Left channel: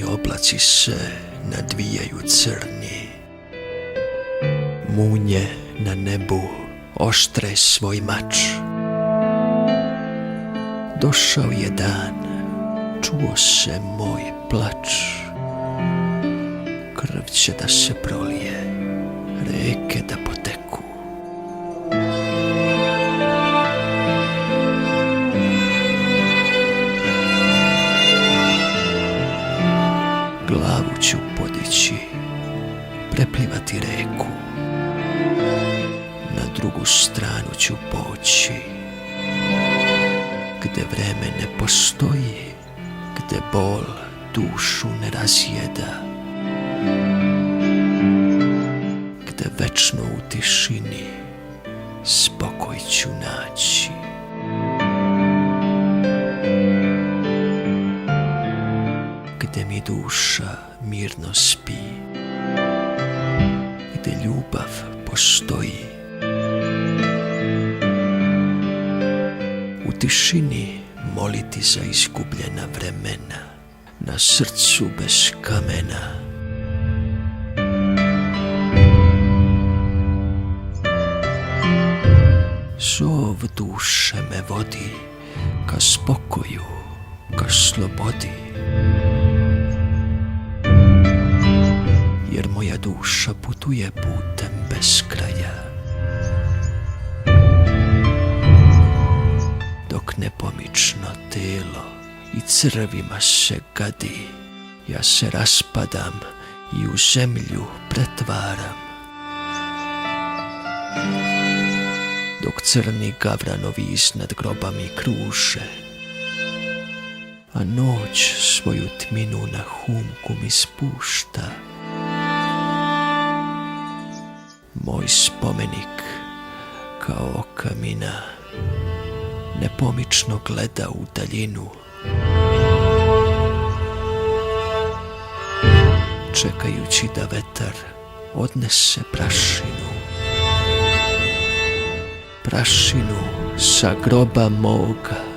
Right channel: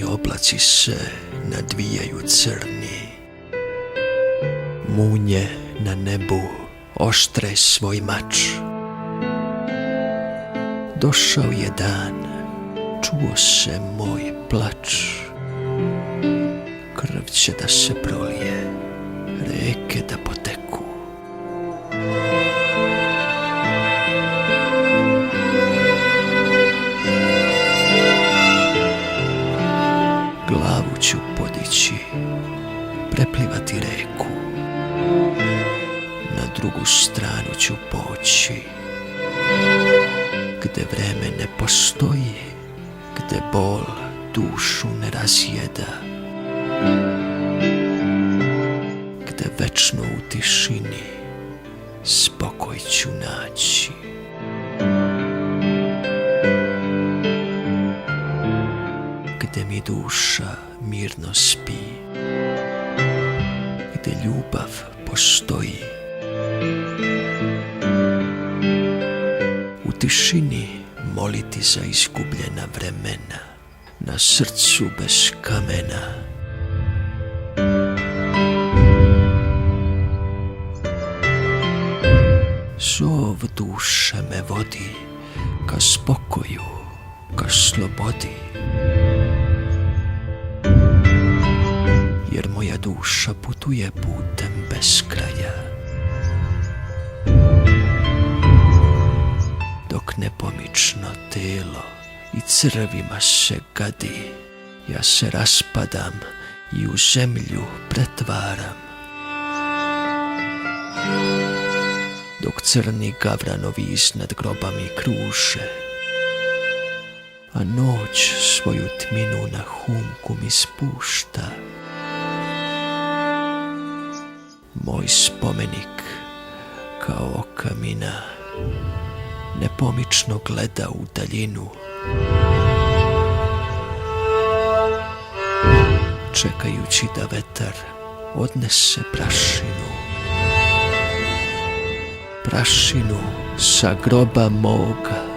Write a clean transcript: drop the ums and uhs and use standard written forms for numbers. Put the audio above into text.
Crni oblaci se nadvijaju crni. Munje na nebu oštre svoj mač. Došao je dan, čuo se moj plač. Krv će da se prolije, reke da poteku. Glavu ću podići, preplivati reku. Na drugu stranu ću poći, gde vreme ne postoji, gde bol dušu ne razjeda, gde večno u tišini spokoj ću naći. Gde mi duša mirno spi, gde ljubav postoji. U tišini moliti za izgubljena vremena, na srcu bez kamena. Zov duše me vodi ka spokoju, ka slobodi. Jer moja duša putuje putem bez kraja. Dok nepomično telo i crvima se gadi, ja se raspadam i u zemlju pretvaram. Dok crni gavranovi iznad grobami kruže, a noć svoju tminu na humku mi spušta. Moj spomenik kao kamina nepomično gleda u daljinu, čekajući da vetar odnese prašinu. Prašinu sa groba moga.